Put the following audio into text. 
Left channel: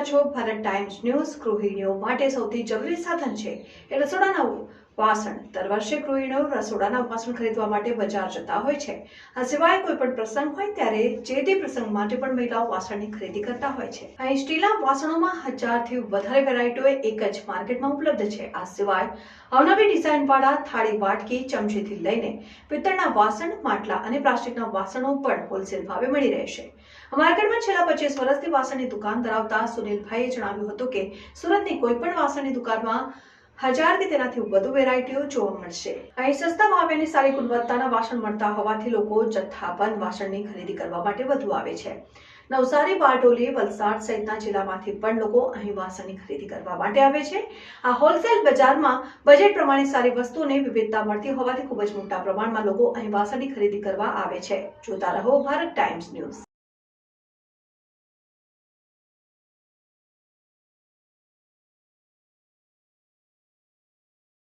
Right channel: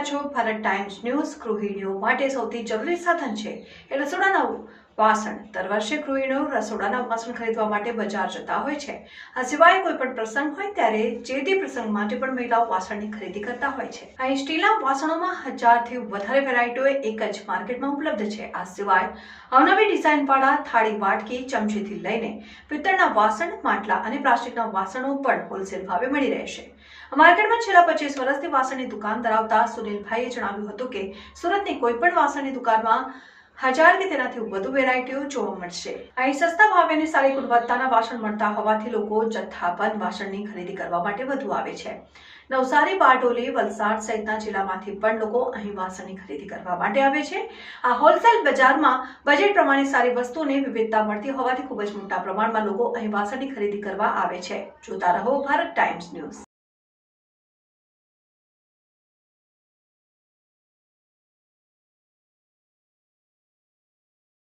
રહ્યા છો Bharat times news. ગૃહિણીઓ માટે સૌથી જરૂરી સાધન છે એ રસોડાના વાસણ. દર વર્ષે ગૃહિણીઓ રસોડાના વાસણ ખરીદવા માટે બજાર જતા હોય છે. આ સિવાય કોઈ પણ પ્રસંગ હોય ત્યારે જે તે પ્રસંગ માટે પણ મહિલાઓ વાસણની ખરીદી કરતા હોય છે. અહીં સ્ટીલના વાસણોમાં 1000થી વધારે વેરાયટીઓ એક જ માર્કેટમાં ઉપલબ્ધ છે. આ સિવાય અવનવી ડિઝાઇનવાળા થાળી, વાટકી, ચમચીથી લઈને પિત્તળના વાસણ, માટલા અને પ્લાસ્ટિકના વાસણો પણ હોલસેલ ભાવે મળી રહેશે. માર્કેટમાં છેલ્લા 25 વર્ષથી વાસણની દુકાન ધરાવતા સુનિલભાઈએ જણાવ્યું હતું કે સુરતની કોઈ પણ વાસણની દુકાનમાં 1000 કે તેનાથી વધુ વેરાયટીઓ જોવા મળશે. અહીં સસ્તા ભાવે અને સારી ગુણવત્તાના વાસણ મળતા હોવાથી લોકો જથ્થાબંધ વાસણની ખરીદી કરવા માટે વધુ આવે છે. નવસારી, બારડોલી, વલસાડ સહિતના જિલ્લામાંથી પણ લોકો અહીં વાસણની ખરીદી કરવા માટે આવે છે. આ હોલસેલ બજારમાં બજેટ પ્રમાણે સારી વસ્તુઓની વિવિધતા મળતી હોવાથી ખૂબ જ મોટા પ્રમાણમાં લોકો અહીં વાસણની ખરીદી કરવા આવે છે. જોતા રહો ભારત ટાઈમ્સ ન્યૂઝ.